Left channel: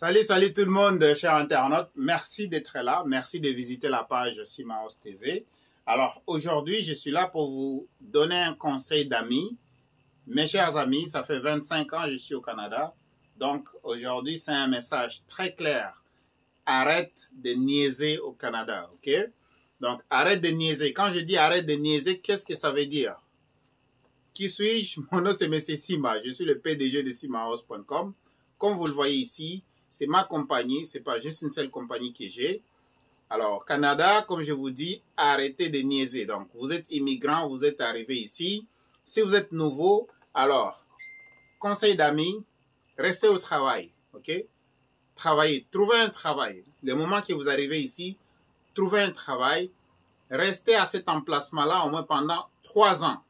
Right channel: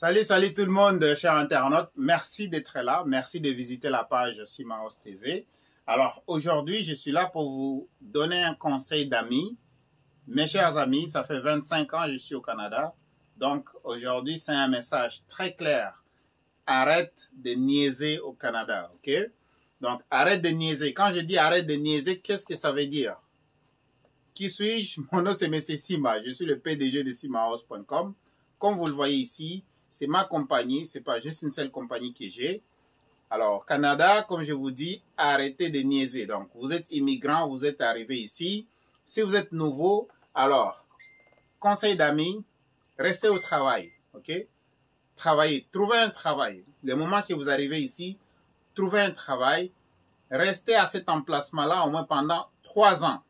Salut tout le monde, chers internautes. Merci d'être là. Merci de visiter la page Simaos TV. Alors, aujourd'hui, je suis là pour vous donner un conseil d'amis. Mes chers amis, ça fait 25 ans que je suis au Canada. Donc, aujourd'hui, c'est un message très clair. Arrête de niaiser au Canada, ok? Donc, arrête de niaiser. Quand je dis arrête de niaiser, qu'est-ce que ça veut dire? Qui suis-je? Mon nom, c'est M. Sima. Je suis le PDG de Simaos.com. Comme vous le voyez ici, c'est ma compagnie. Ce n'est pas juste une seule compagnie que j'ai. Alors, Canada, comme je vous dis, arrêtez de niaiser. Donc, vous êtes immigrant, vous êtes arrivé ici. Si vous êtes nouveau, alors, conseil d'amis, restez au travail, ok? Travaillez, trouvez un travail. Le moment que vous arrivez ici, trouvez un travail. Restez à cet emplacement-là au moins pendant 3 ans.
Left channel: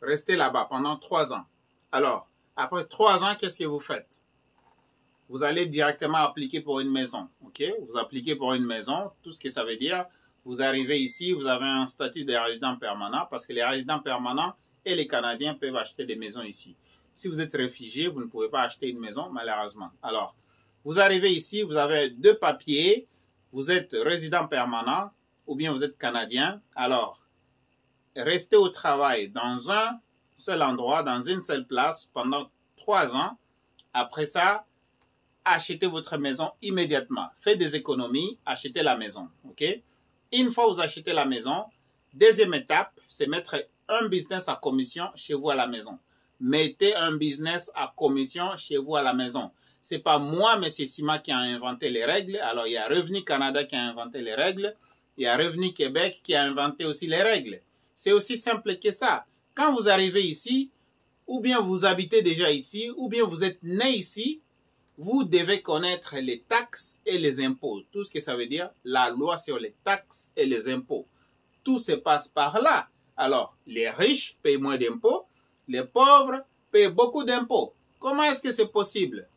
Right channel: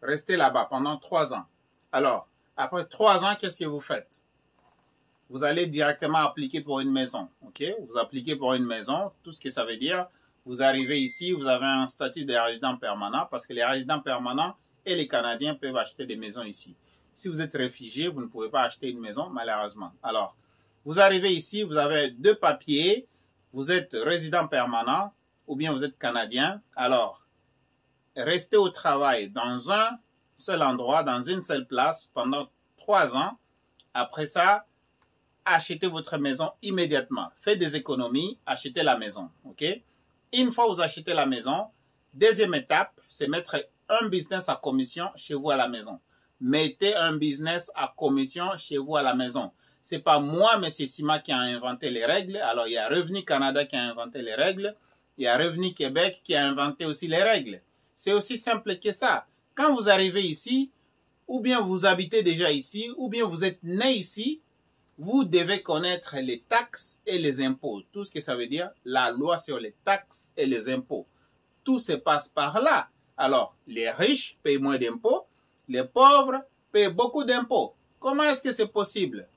Restez là-bas pendant 3 ans. Alors, après 3 ans, qu'est-ce que vous faites? Vous allez directement appliquer pour une maison, ok? Vous appliquez pour une maison, tout ce que ça veut dire. Vous arrivez ici, vous avez un statut de résident permanent parce que les résidents permanents et les Canadiens peuvent acheter des maisons ici. Si vous êtes réfugié, vous ne pouvez pas acheter une maison, malheureusement. Alors, vous arrivez ici, vous avez 2 papiers, vous êtes résident permanent ou bien vous êtes Canadien. Alors, restez au travail dans un seul endroit, dans une seule place pendant 3 ans. Après ça, achetez votre maison immédiatement. Faites des économies, achetez la maison, ok? Une fois que vous achetez la maison, deuxième étape, c'est mettre un business à commission chez vous à la maison. Mettez un business à commission chez vous à la maison. C'est pas moi, M. Sima, qui a inventé les règles. Alors, il y a Revenu Canada qui a inventé les règles. Il y a Revenu Québec qui a inventé aussi les règles. C'est aussi simple que ça. Quand vous arrivez ici, ou bien vous habitez déjà ici, ou bien vous êtes né ici, vous devez connaître les taxes et les impôts. Tout ce que ça veut dire, la loi sur les taxes et les impôts. Tout se passe par là. Alors, les riches payent moins d'impôts, les pauvres payent beaucoup d'impôts. Comment est-ce que c'est possible?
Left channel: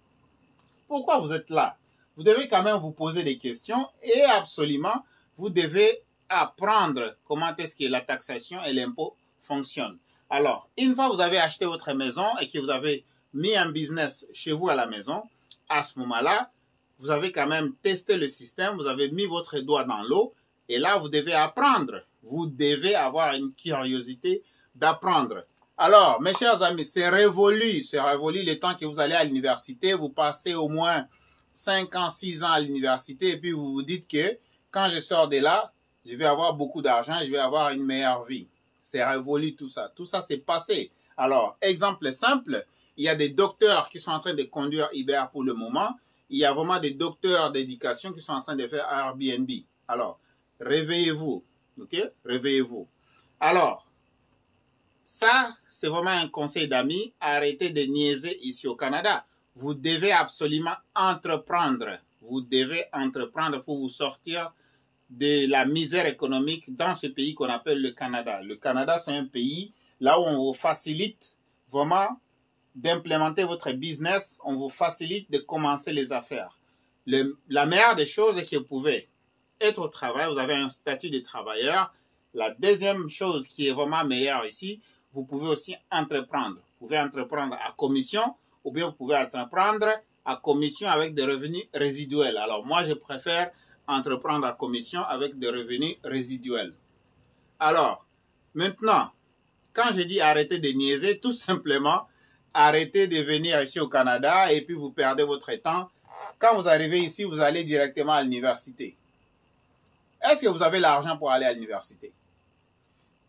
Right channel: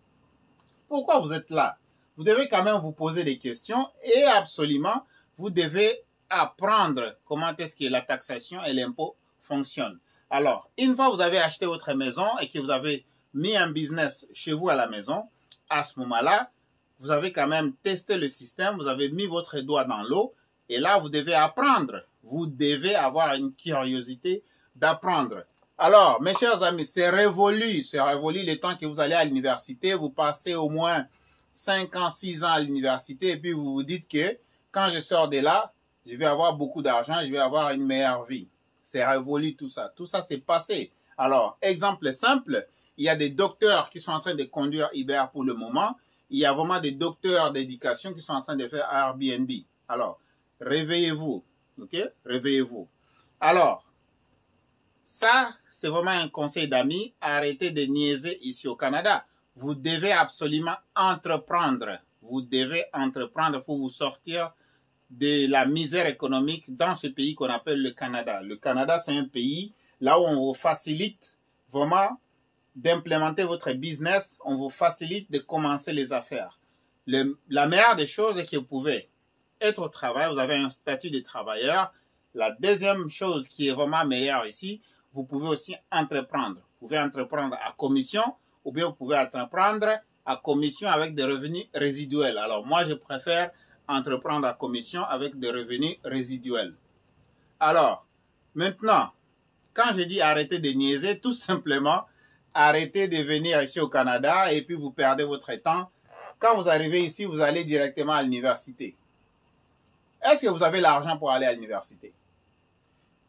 Pourquoi vous êtes là? Vous devez quand même vous poser des questions et absolument, vous devez apprendre comment est-ce que la taxation et l'impôt fonctionnent. Alors, une fois que vous avez acheté votre maison et que vous avez mis un business chez vous à la maison, à ce moment-là, vous avez quand même testé le système, vous avez mis votre doigt dans l'eau et là, vous devez apprendre. Vous devez avoir une curiosité d'apprendre. Alors, mes chers amis, c'est révolu le temps que vous allez à l'université, vous passez au moins 5 ans, 6 ans à l'université et puis vous vous dites que quand je sors de là, je vais avoir beaucoup d'argent, je vais avoir une meilleure vie. C'est révolu tout ça. Tout ça, c'est passé. Alors, exemple simple, il y a des docteurs qui sont en train de conduire Uber pour le moment. Il y a vraiment des docteurs d'éducation qui sont en train de faire Airbnb. Alors, réveillez-vous. Ok? Réveillez-vous. Alors, ça, c'est vraiment un conseil d'amis. Arrêtez de niaiser ici au Canada. Vous devez absolument entreprendre. Vous devez entreprendre pour vous sortir de la misère économique dans ce pays qu'on appelle le Canada. Le Canada, c'est un pays là où on vous facilite vraiment d'implémenter votre business, on vous facilite de commencer les affaires. La meilleure des choses est que vous pouvez être au travail, vous avez un statut de travailleur. La deuxième chose qui est vraiment meilleure ici, vous pouvez aussi entreprendre. Vous pouvez entreprendre à commission ou bien vous pouvez entreprendre à commission avec des revenus résiduels. Alors moi, je préfère entreprendre à commission avec des revenus résiduels. Alors, maintenant, quand je dis arrêtez de niaiser, tout simplement, arrêtez de venir ici au Canada et puis vous perdez votre temps. Quand vous arrivez ici, vous allez directement à l'université. Est-ce que vous avez l'argent pour aller à l'université?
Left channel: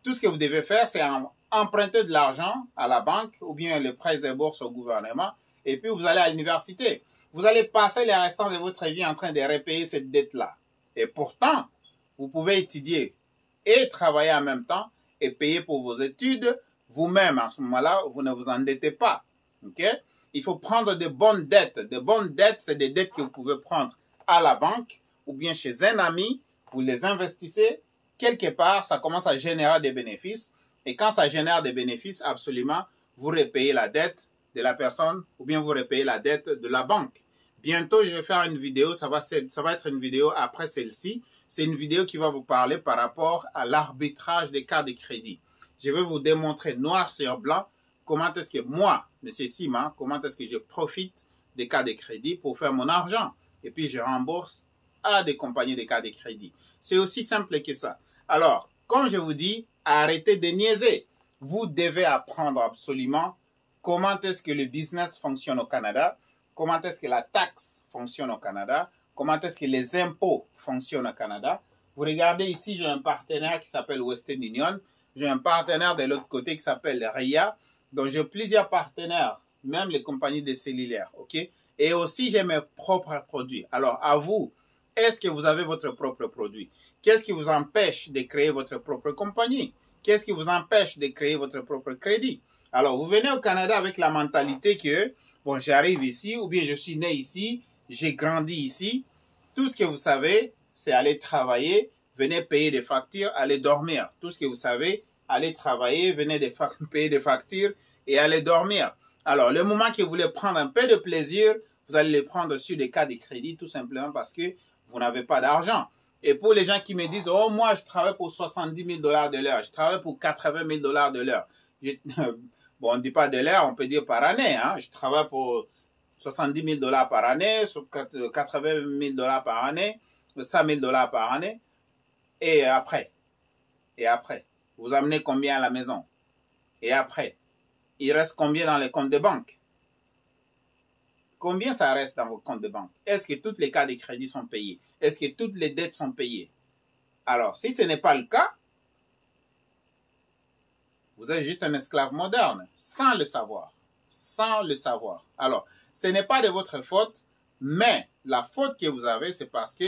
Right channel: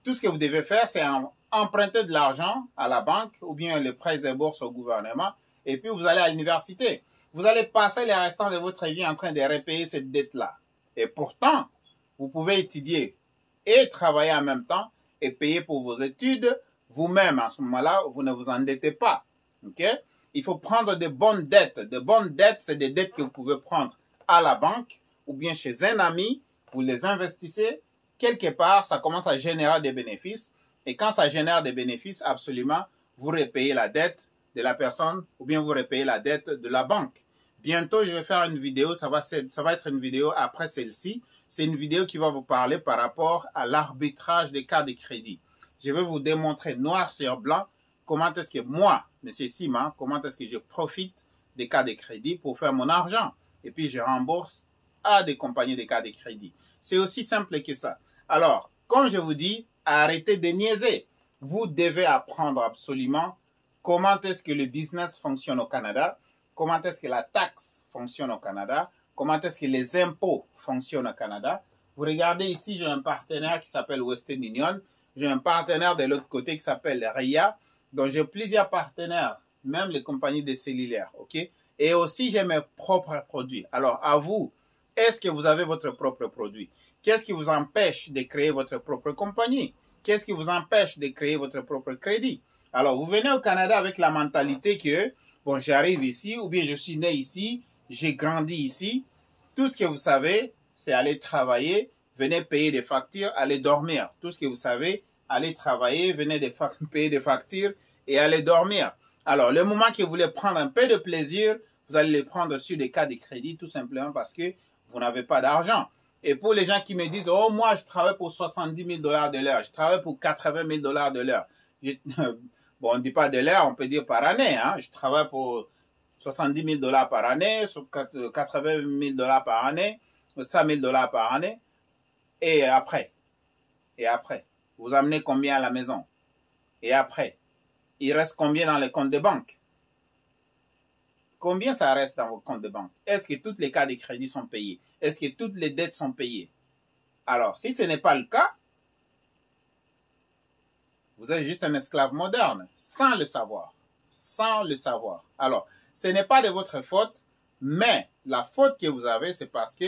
Tout ce que vous devez faire, c'est emprunter de l'argent à la banque ou bien les prêts et bourses au gouvernement et puis vous allez à l'université. Vous allez passer les restants de votre vie en train de repayer cette dette-là. Et pourtant, vous pouvez étudier et travailler en même temps et payer pour vos études vous-même. À ce moment-là, vous ne vous endettez pas. Ok? Il faut prendre de bonnes dettes. De bonnes dettes, c'est des dettes que vous pouvez prendre à la banque ou bien chez un ami. Vous les investissez quelque part, ça commence à générer des bénéfices. Et quand ça génère des bénéfices, absolument, vous repayez la dette de la personne ou bien vous repayez la dette de la banque. Bientôt, je vais faire une vidéo, ça va être une vidéo après celle-ci. C'est une vidéo qui va vous parler par rapport à l'arbitrage des cas de crédit. Je vais vous démontrer noir sur blanc comment est-ce que moi, M. Sima, comment est-ce que je profite des cas de crédit pour faire mon argent. et puis je rembourse à des compagnies de cartes de crédit. C'est aussi simple que ça. Alors, comme je vous dis, arrêtez de niaiser. Vous devez apprendre absolument comment est-ce que le business fonctionne au Canada, comment est-ce que la taxe fonctionne au Canada, comment est-ce que les impôts fonctionnent au Canada. Vous regardez ici, j'ai un partenaire qui s'appelle Western Union, j'ai un partenaire de l'autre côté qui s'appelle RIA, donc j'ai plusieurs partenaires, même les compagnies de cellulaires, ok? Et aussi, j'ai mes propres produits. Alors, à vous, est-ce que vous avez votre propre produit? Qu'est-ce qui vous empêche de créer votre propre compagnie? Qu'est-ce qui vous empêche de créer votre propre crédit? Alors, vous venez au Canada avec la mentalité que, bon, j'arrive ici, ou bien je suis né ici, j'ai grandi ici. Tout ce que vous savez, c'est aller travailler, venez payer des factures, aller dormir. Tout ce que vous savez, aller travailler, venez payer des factures et aller dormir. Alors, le moment que vous voulez prendre un peu de plaisir, vous allez le prendre sur des cartes de crédit, tout simplement parce que vous n'avez pas d'argent. Et pour les gens qui me disent, oh, moi, je travaille pour 70 000 $ de l'heure, je travaille pour 80 000 $ de l'heure. Bon, on ne dit pas de l'heure, on peut dire par année. Hein. Je travaille pour 70 000 $ par année, 80 000 $ par année, 100 000 $ par année. Et après, vous amenez combien à la maison? Et après, il reste combien dans les comptes de banque? Combien ça reste dans vos comptes de banque? Est-ce que toutes les cartes de crédit sont payées? Est-ce que toutes les dettes sont payées? Alors, si ce n'est pas le cas, vous êtes juste un esclave moderne, sans le savoir. Sans le savoir. Alors, ce n'est pas de votre faute, mais la faute que vous avez, c'est parce que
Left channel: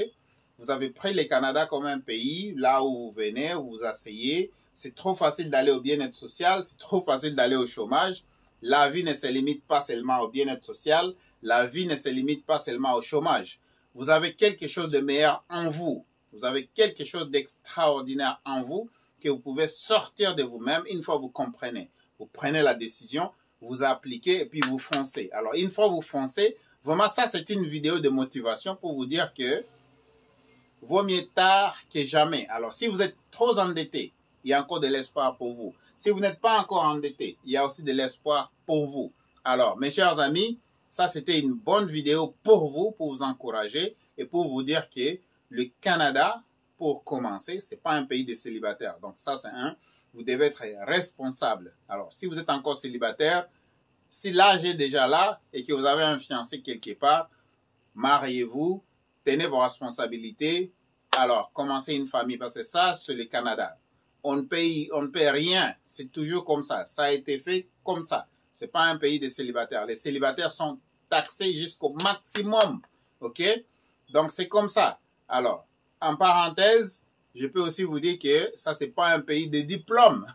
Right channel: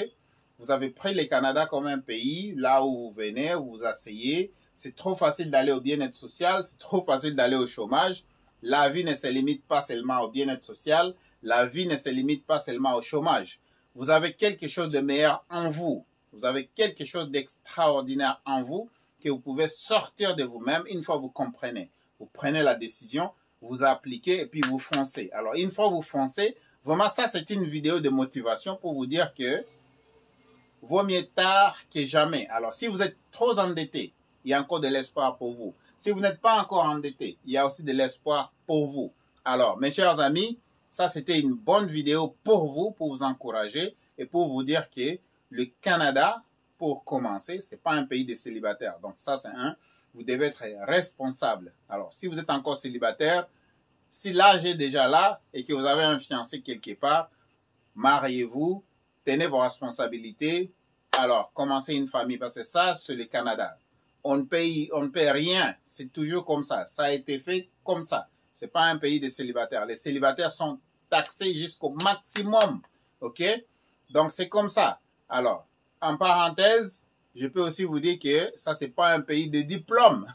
vous avez pris le Canada comme un pays, là où vous venez, où vous asseyez. C'est trop facile d'aller au bien-être social, c'est trop facile d'aller au chômage. La vie ne se limite pas seulement au bien-être social, la vie ne se limite pas seulement au chômage. Vous avez quelque chose de meilleur en vous. Vous avez quelque chose d'extraordinaire en vous que vous pouvez sortir de vous-même une fois que vous comprenez. Vous prenez la décision, vous appliquez et puis vous foncez. Alors, une fois que vous foncez, vraiment, ça, c'est une vidéo de motivation pour vous dire que vaut mieux tard que jamais. Alors, si vous êtes trop endetté, il y a encore de l'espoir pour vous. Si vous n'êtes pas encore endetté, il y a aussi de l'espoir pour vous. Alors, mes chers amis, ça, c'était une bonne vidéo pour vous encourager et pour vous dire que le Canada, pour commencer, ce n'est pas un pays de célibataires. Donc, ça, c'est un. Vous devez être responsable. Alors, si vous êtes encore célibataire, si l'âge est déjà là et que vous avez un fiancé quelque part, mariez-vous, tenez vos responsabilités. Alors, commencez une famille parce que ça, c'est le Canada. On ne paye rien. C'est toujours comme ça. Ça a été fait comme ça. Ce n'est pas un pays de célibataires. Les célibataires sont taxés jusqu'au maximum. OK? Donc, c'est comme ça. Alors, en parenthèse, je peux aussi vous dire que ça, ce n'est pas un pays de diplôme.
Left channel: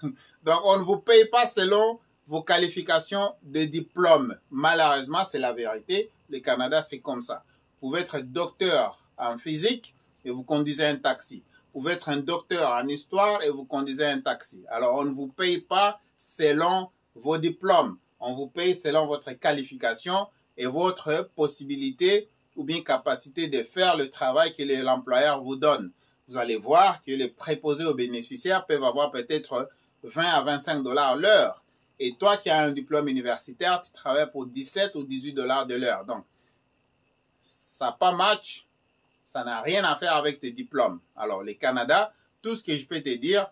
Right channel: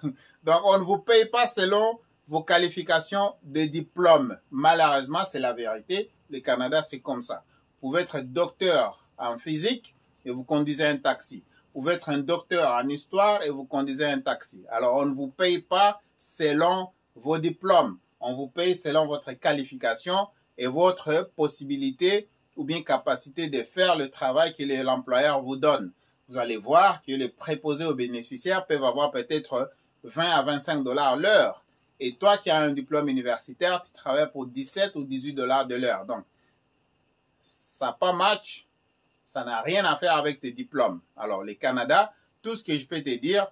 Donc, on ne vous paye pas selon vos qualifications de diplôme. Malheureusement, c'est la vérité. Le Canada, c'est comme ça. Vous pouvez être docteur en physique et vous conduisez un taxi. Vous pouvez être un docteur en histoire et vous conduisez un taxi. Alors, on ne vous paye pas selon vos diplômes. On vous paye selon votre qualification et votre possibilité ou bien capacité de faire le travail que l'employeur vous donne. Vous allez voir que les préposés aux bénéficiaires peuvent avoir peut-être 20 à 25 $ l'heure. Et toi qui as un diplôme universitaire, tu travailles pour 17 ou 18 $ de l'heure. Donc, ça n'a pas match. Ça n'a rien à faire avec tes diplômes. Alors, le Canada, tout ce que je peux te dire,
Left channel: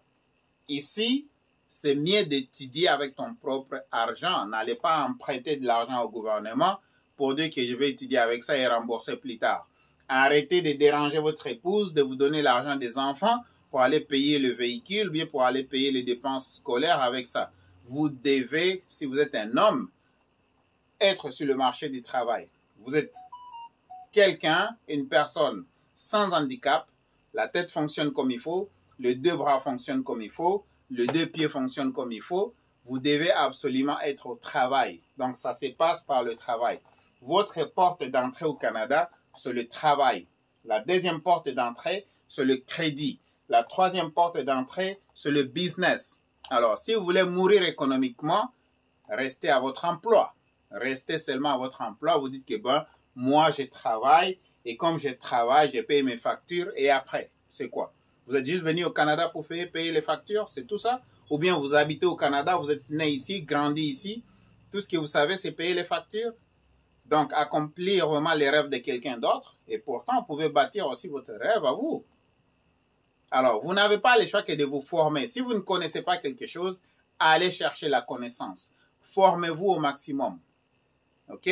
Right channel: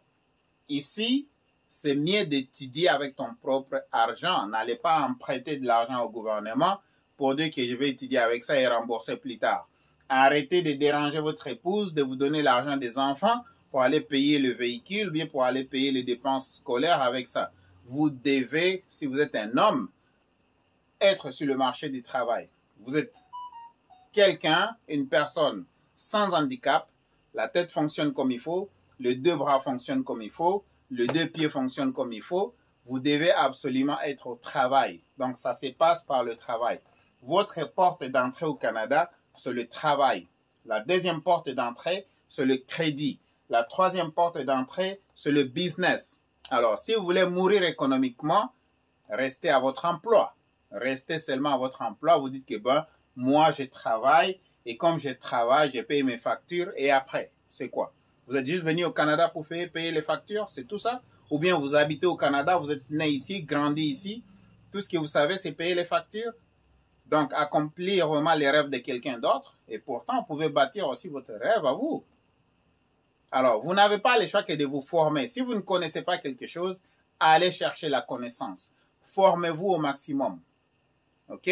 ici, c'est mieux d'étudier avec ton propre argent. N'allez pas emprunter de l'argent au gouvernement pour dire que je vais étudier avec ça et rembourser plus tard. Arrêtez de déranger votre épouse, de vous donner l'argent des enfants pour aller payer le véhicule, bien pour aller payer les dépenses scolaires avec ça. Vous devez, si vous êtes un homme, être sur le marché du travail. Vous êtes quelqu'un, une personne sans handicap, la tête fonctionne comme il faut, les deux bras fonctionnent comme il faut, les deux pieds fonctionnent comme il faut, vous devez absolument être au travail. Donc, ça se passe par le travail. Votre porte d'entrée au Canada, c'est le travail. La deuxième porte d'entrée, c'est le crédit. La troisième porte d'entrée, c'est le business. Alors, si vous voulez mourir économiquement, restez à votre emploi. Restez seulement à votre emploi. Vous dites que, ben, moi, je travaille et comme je travaille, je paye mes factures et après, c'est quoi? Vous êtes juste venu au Canada pour payer les factures, c'est tout ça? Ou bien vous habitez au Canada, vous êtes né ici, grandi ici, tout ce que vous savez, c'est payer les factures? Donc, accomplir vraiment les rêves de quelqu'un d'autre. Et pourtant, vous pouvez bâtir aussi votre rêve à vous. Alors, vous n'avez pas le choix que de vous former. Si vous ne connaissez pas quelque chose, allez chercher la connaissance. Formez-vous au maximum. OK?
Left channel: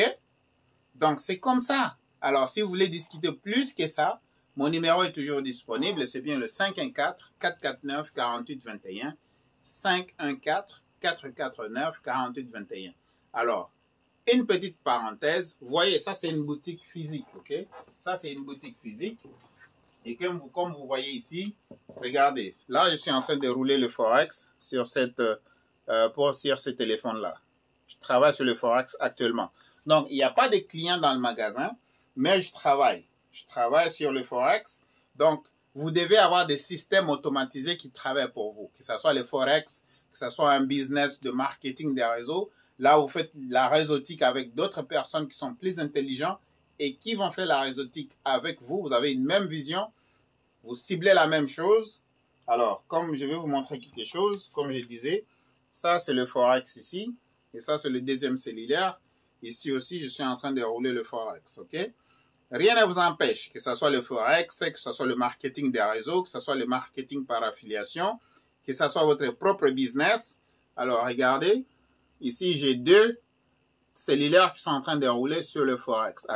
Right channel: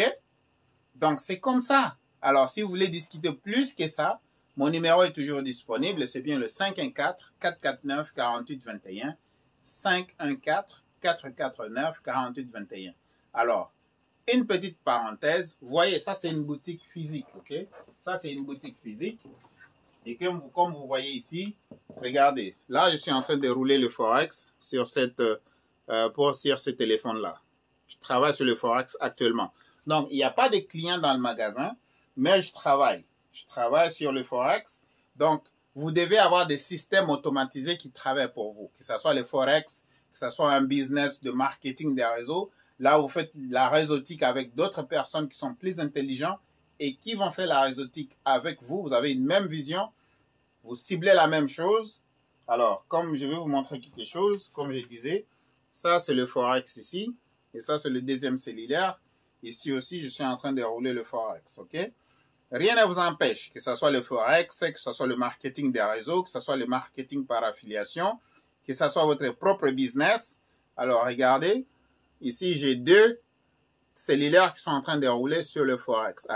Donc, c'est comme ça. Alors, si vous voulez discuter plus que ça, mon numéro est toujours disponible. C'est bien le 514-449-4821. 514-449-4821. Alors, une petite parenthèse. Vous voyez, ça, c'est une boutique physique. OK? Ça, c'est une boutique physique. Et comme vous voyez ici, regardez. Là, je suis en train de rouler le Forex sur ce téléphone-là. Je travaille sur le Forex actuellement. Donc, il n'y a pas de clients dans le magasin, mais je travaille. Je travaille sur le Forex. Donc, vous devez avoir des systèmes automatisés qui travaillent pour vous. Que ce soit le Forex, que ce soit un business de marketing des réseaux. Là, vous faites la réseautique avec d'autres personnes qui sont plus intelligentes et qui vont faire la réseautique avec vous. Vous avez une même vision. Vous ciblez la même chose. Alors, comme je vais vous montrer quelque chose, comme je disais, ça, c'est le Forex ici. Et ça, c'est le deuxième cellulaire. Ici aussi, je suis en train de rouler le Forex, OK? Rien ne vous empêche, que ce soit le Forex, que ce soit le marketing des réseaux, que ce soit le marketing par affiliation, que ce soit votre propre business. Alors, regardez, ici, j'ai 2 cellulaires qui sont en train de rouler sur le Forex.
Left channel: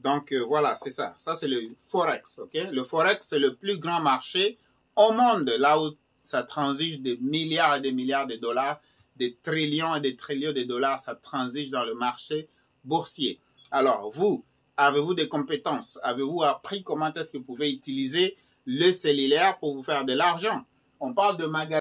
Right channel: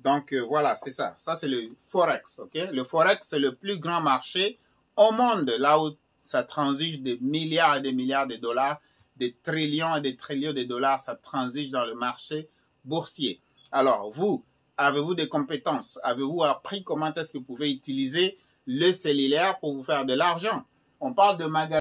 Donc, voilà, c'est ça. Ça, c'est le Forex, OK? Le Forex, c'est le plus grand marché au monde, là où ça transige des milliards et des milliards de dollars, des trillions et des trillions de dollars, ça transige dans le marché boursier. Alors, vous, avez-vous des compétences? Avez-vous appris comment est-ce que vous pouvez utiliser le cellulaire pour vous faire de l'argent? On parle de magasin.